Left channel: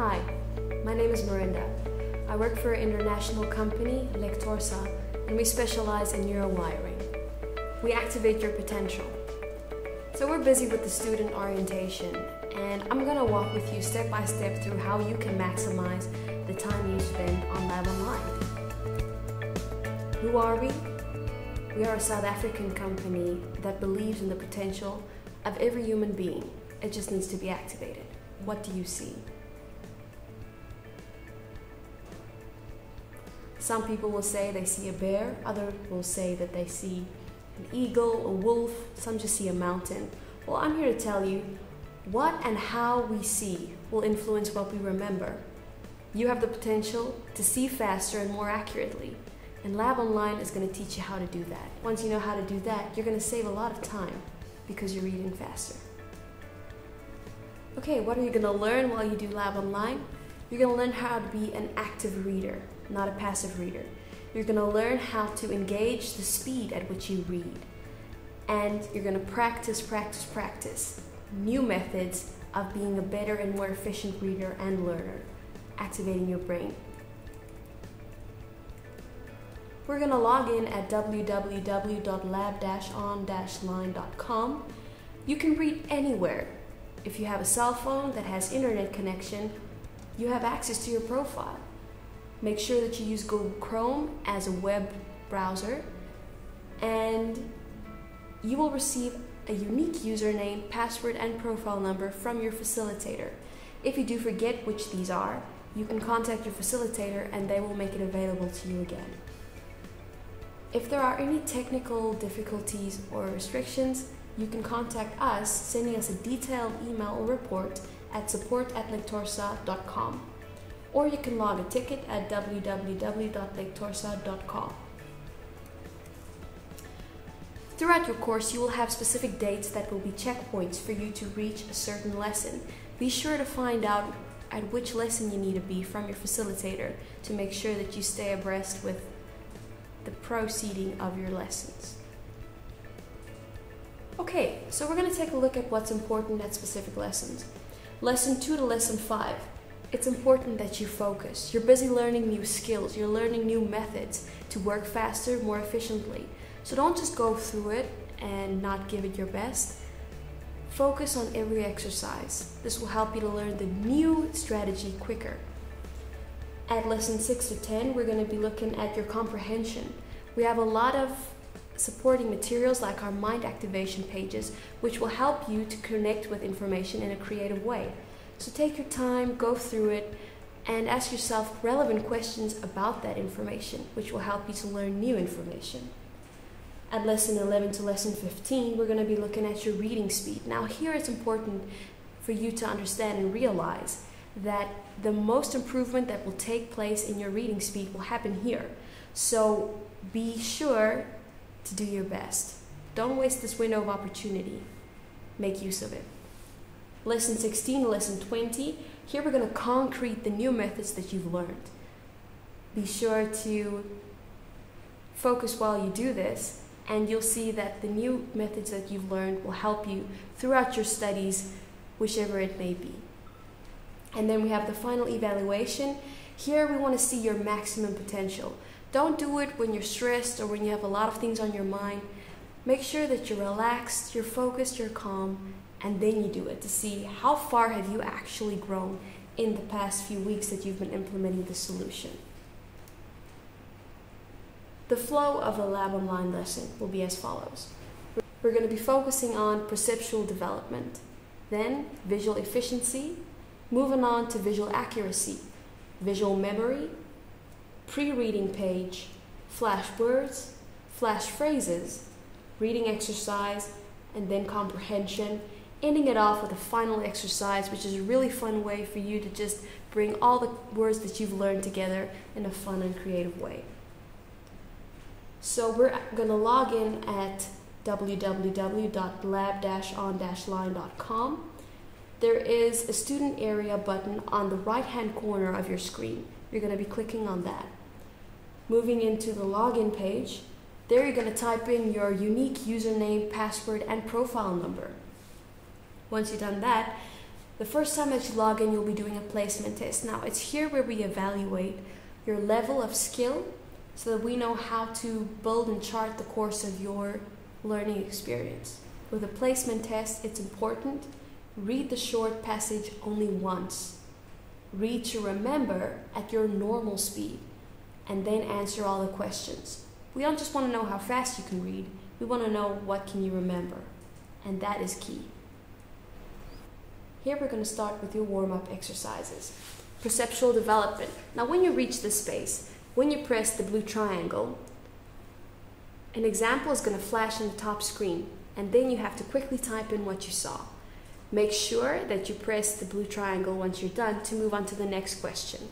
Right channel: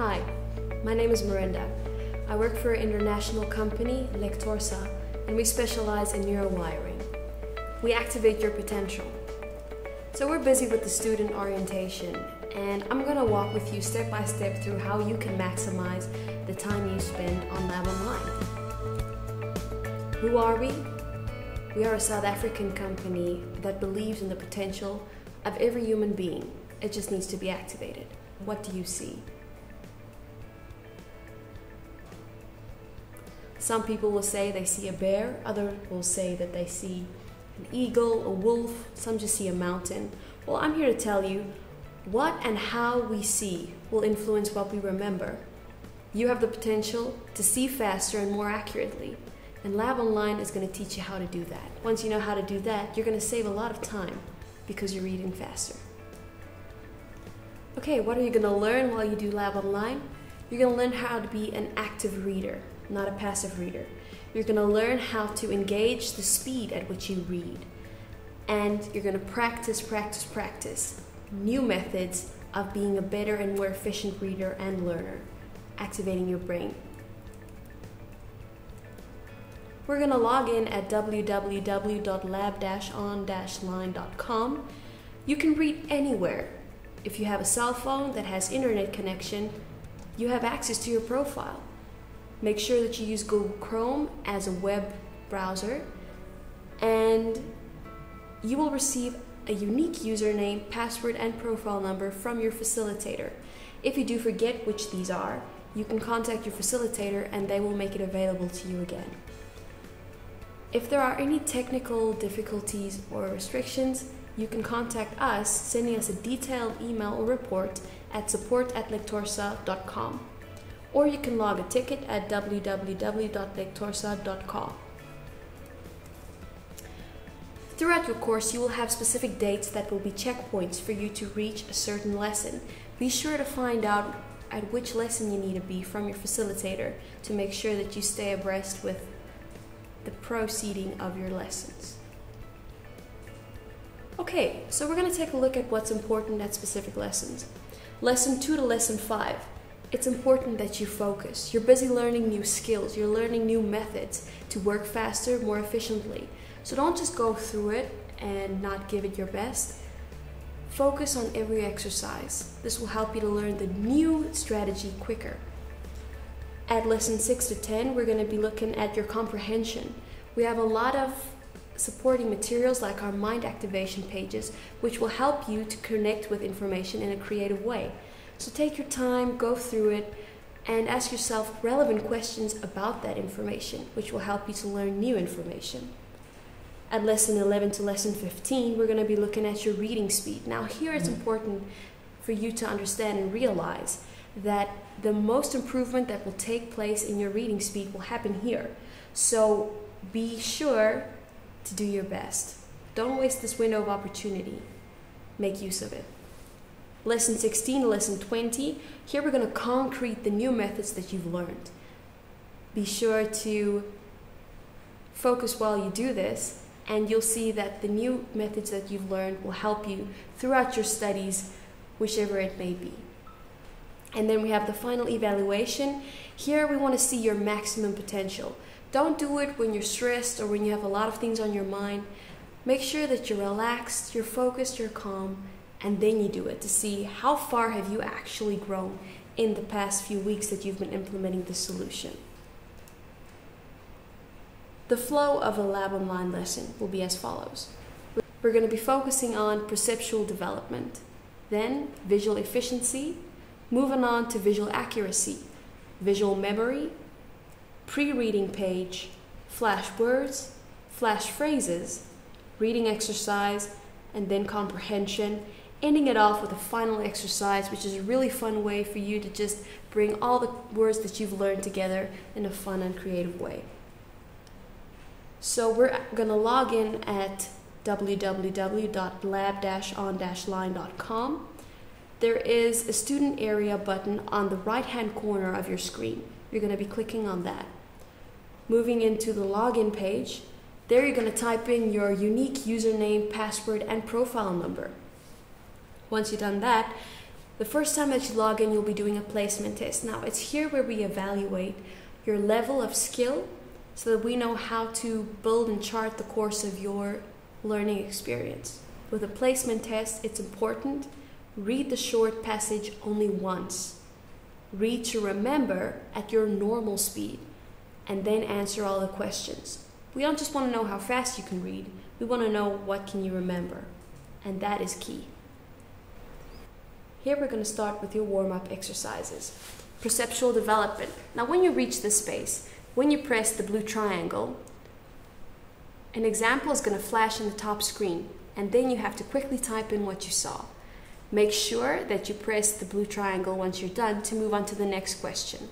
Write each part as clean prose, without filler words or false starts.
Hi, my name is Miranda. I work for an international company, Lectorsa, and we specialize in neurowiring. We activate your potential. So we're busy with the student orientation, and I'm going to walk with you step by step through how you can maximize the time you spend on Lab Online. Who are we? We are a South African company that believes in the potential of every human being. It just needs to be activated. What do you see? Some people will say they see a bear, others will say that they see an eagle, a wolf, some just see a mountain. Well, I'm here to tell you what and how we see will influence what we remember. You have the potential to see faster and more accurately, and Lab Online is going to teach you how to do that. Once you know how to do that, you're going to save a lot of time because you're reading faster. Okay, what are you going to learn while you do Lab Online? You're going to learn how to be an active reader, not a passive reader. You're going to learn how to engage the speed at which you read. And you're going to practice new methods of being a better and more efficient reader and learner, activating your brain. We're going to log in at www.lab-on-line.com. You can read anywhere. If you have a cell phone that has internet connection, you have access to your profile. Make sure that you use Google Chrome as a web browser, and you will receive a unique username, password, and profile number from your facilitator. If you do forget which these are, you can contact your facilitator and they will make it available to you again. If there are any technical difficulties or restrictions, you can contact us, sending us a detailed email or report at support@lectorsa.com. Or you can log a ticket at www.lectorsa.com. Throughout your course, you will have specific dates that will be checkpoints for you to reach a certain lesson. Be sure to find out at which lesson you need to be from your facilitator to make sure that you stay abreast with the proceeding of your lessons. Okay, so we're going to take a look at what's important at specific lessons. Lesson 2 to Lesson 5. It's important that you focus. You're busy learning new skills. You're learning new methods to work faster, more efficiently. So don't just go through it and not give it your best. Focus on every exercise. This will help you to learn the new strategy quicker. At Lesson 6 to 10, we're going to be looking at your comprehension. We have a lot of supporting materials like our mind activation pages, which will help you to connect with information in a creative way. So take your time, go through it, and ask yourself relevant questions about that information, which will help you to learn new information. At Lesson 11 to Lesson 15, we're going to be looking at your reading speed. Now here it's important for you to understand and realize that the most improvement that will take place in your reading speed will happen here. So be sure to do your best. Don't waste this window of opportunity. Make use of it. Lesson 16 to Lesson 20, here we're going to concrete the new methods that you've learned. Be sure to focus while you do this, and you'll see that the new methods that you've learned will help you throughout your studies, whichever it may be. And then we have the final evaluation. Here we want to see your maximum potential. Don't do it when you're stressed or when you have a lot of things on your mind. Make sure that you're relaxed, you're focused, you're calm, and then you do it to see how far have you actually grown in the past few weeks that you've been implementing the solution. The flow of a Lab Online lesson will be as follows. We're going to be focusing on perceptual development, then visual efficiency, moving on to visual accuracy, visual memory, pre-reading page, flash words, flash phrases, reading exercise, and then comprehension, ending it off with a final exercise, which is a really fun way for you to just bring all the words that you've learned together in a fun and creative way. So we're going to log in at www.lab-on-line.com. There is a student area button on the right-hand corner of your screen. You're going to be clicking on that. Moving into the login page, there you're going to type in your unique username, password, and profile number. Once you've done that, The first time that you log in, you'll be doing a placement test. Now, it's here where we evaluate your level of skill so that we know how to build and chart the course of your learning experience. With a placement test, it's important. Read the short passage only once. Read to remember at your normal speed, and then answer all the questions. We don't just want to know how fast you can read, we want to know what can you remember, and that is key. Here we're going to start with your warm-up exercises. Perceptual development. Now when you reach this space, when you press the blue triangle, an example is going to flash on the top screen, and then you have to quickly type in what you saw. Make sure that you press the blue triangle once you're done to move on to the next question.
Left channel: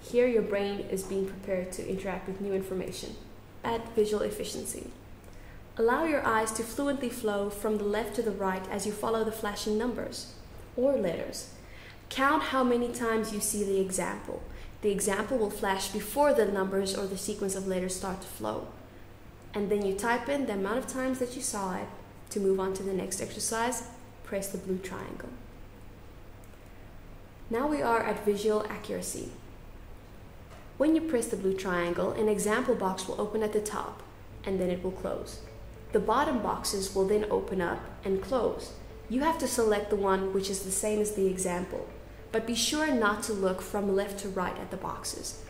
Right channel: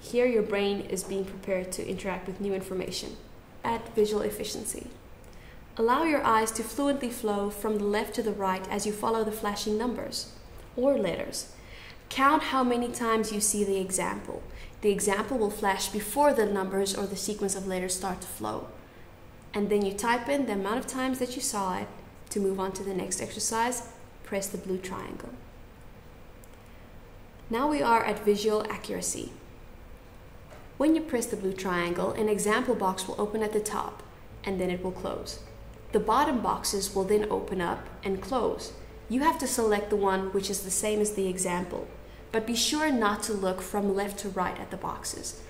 Here your brain is being prepared to interact with new information. Add visual efficiency. Allow your eyes to fluently flow from the left to the right as you follow the flashing numbers or letters. Count how many times you see the example. The example will flash before the numbers or the sequence of letters start to flow. And then you type in the amount of times that you saw it. To move on to the next exercise, press the blue triangle. Now we are at visual accuracy. When you press the blue triangle, an example box will open at the top, and then it will close. The bottom boxes will then open up and close. You have to select the one which is the same as the example, but be sure not to look from left to right at the boxes.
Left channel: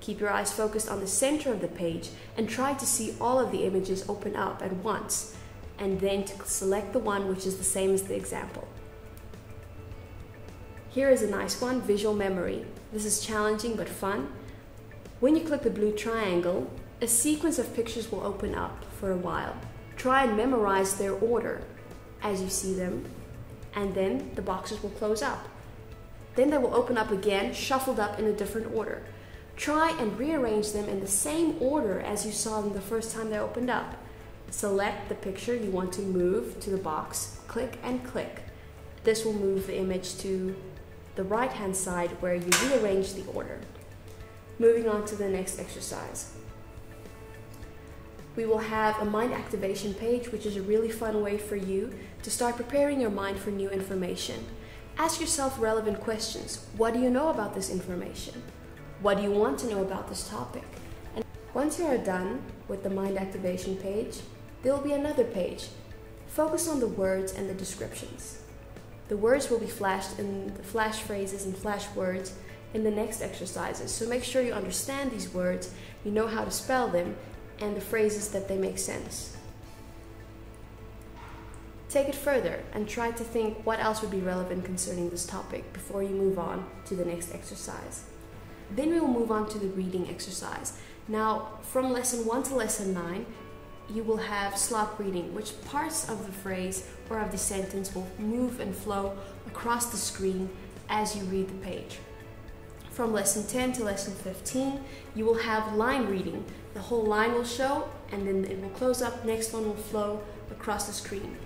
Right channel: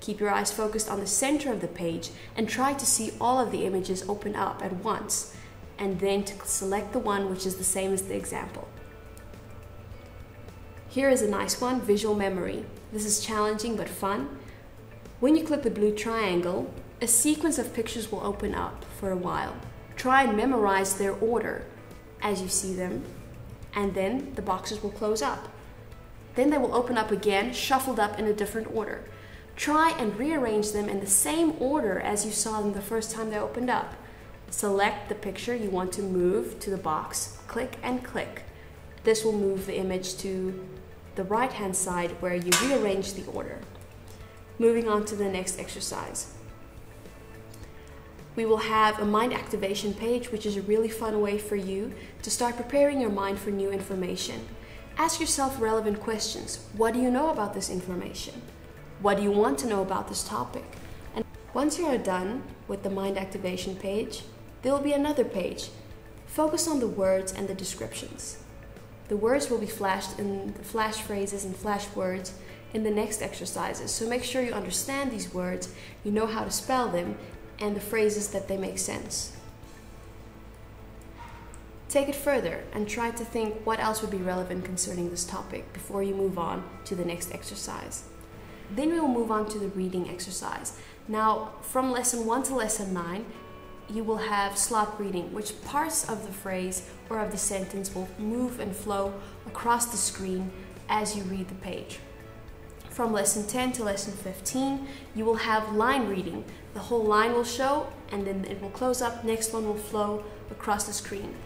Keep your eyes focused on the center of the page and try to see all of the images open up at once, and then to select the one which is the same as the example. Here is a nice one, visual memory. This is challenging but fun. When you click the blue triangle, a sequence of pictures will open up for a while. Try and memorize their order as you see them, and then the boxes will close up. Then they will open up again, shuffled up in a different order. Try and rearrange them in the same order as you saw them the first time they opened up. Select the picture you want to move to the box, click and click. This will move the image to the right-hand side where you rearrange the order. Moving on to the next exercise. We will have a mind activation page, which is a really fun way for you to start preparing your mind for new information. Ask yourself relevant questions. What do you know about this information? What do you want to know about this topic? And once you're done with the mind activation page, there will be another page. Focus on the words and the descriptions. The words will be flashed in flash phrases and flash words in the next exercises, so make sure you understand these words, you know how to spell them, and the phrases that they make sense. Take it further and try to think what else would be relevant concerning this topic before you move on to the next exercise. Then we will move on to the reading exercise. Now, from lesson 1 to lesson 9, you will have slot reading, which parts of the phrase or of the sentence will move and flow across the screen as you read the page. From lesson 10 to lesson 15, you will have line reading. The whole line will show, and then it will close up. Next one will flow across the screen.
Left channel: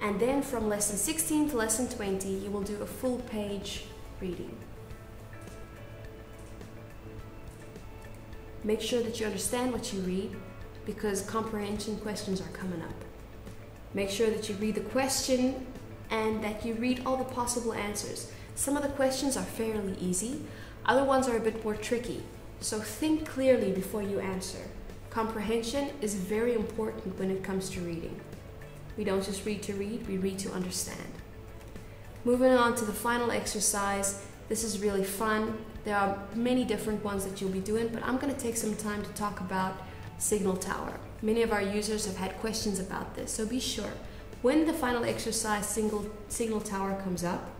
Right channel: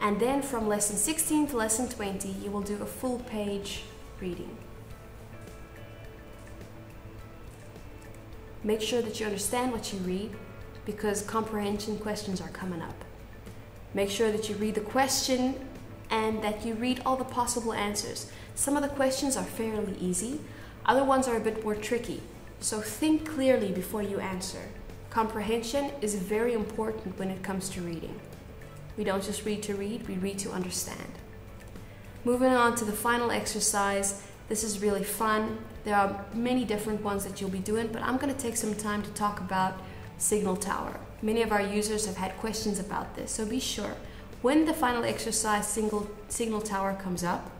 And then from lesson 16 to lesson 20, you will do a full page reading. Make sure that you understand what you read, because comprehension questions are coming up. Make sure that you read the question and that you read all the possible answers. Some of the questions are fairly easy, other ones are a bit more tricky, so think clearly before you answer. Comprehension is very important when it comes to reading. We don't just read to read, we read to understand. Moving on to the final exercise. This is really fun. There are many different ones that you'll be doing, but I'm going to take some time to talk about signal tower. Many of our users have had questions about this, so be sure when the final exercise signal tower comes up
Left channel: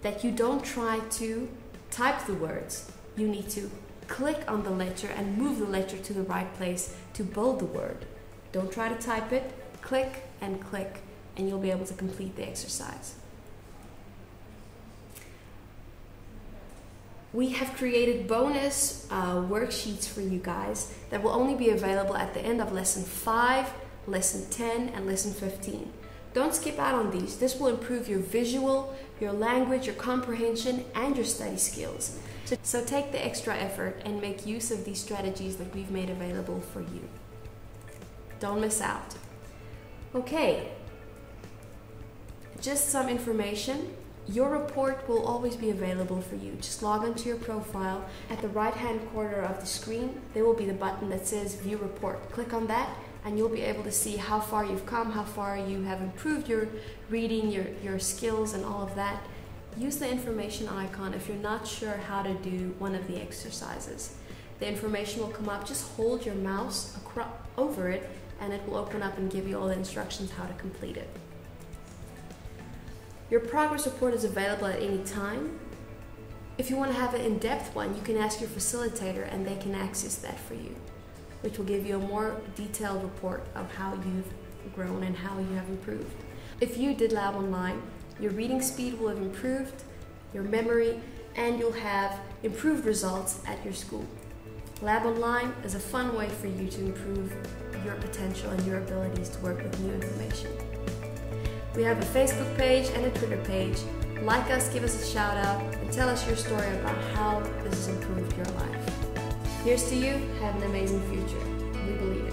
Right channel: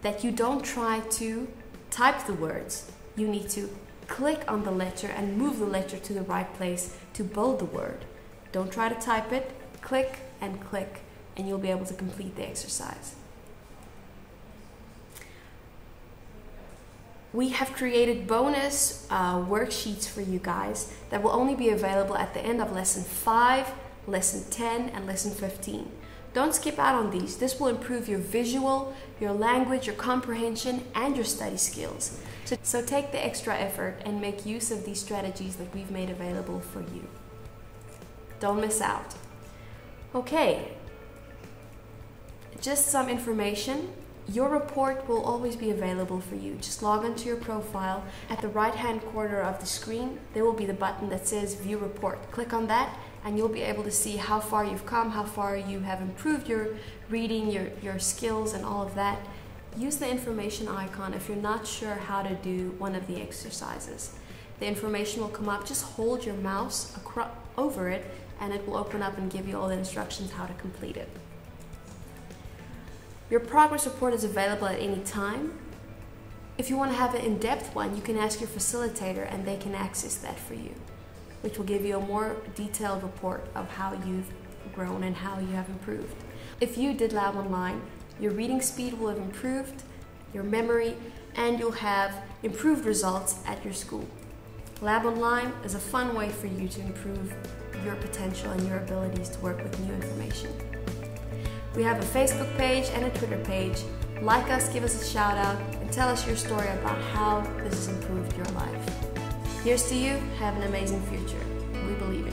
that you don't try to type the words. You need to click on the letter and move the letter to the right place to build the word. Don't try to type it, click, and you'll be able to complete the exercise. We have created bonus worksheets for you guys that will only be available at the end of lesson 5, lesson 10, and lesson 15. Don't skip out on these. This will improve your visual, your language, your comprehension, and your study skills. So take the extra effort and make use of these strategies that we've made available for you. Don't miss out. Okay, just some information. Your report will always be available for you. Just log into your profile. At the right-hand corner of the screen, there will be the button that says View Report. Click on that and you'll be able to see how far you've come, how far you have improved your reading, your skills and all of that. Use the information icon if you're not sure how to do one of the exercises. The information will come up. Just hold your mouse over it and it will open up and give you all the instructions how to complete it. Your progress report is available at any time. If you want to have an in-depth one, you can ask your facilitator and they can access that for you, which will give you a more detailed report of how you've grown and how you have improved. If you did Lab Online, your reading speed will have improved, your memory, and you'll have improved results at your school. Lab Online is a fun way for you to improve your potential and your abilities to work with new information. We have a Facebook page and a Twitter page. Like us, give us a shout out, and tell us your story about how this has improved your life. Here's to you. Have an amazing future. We believe.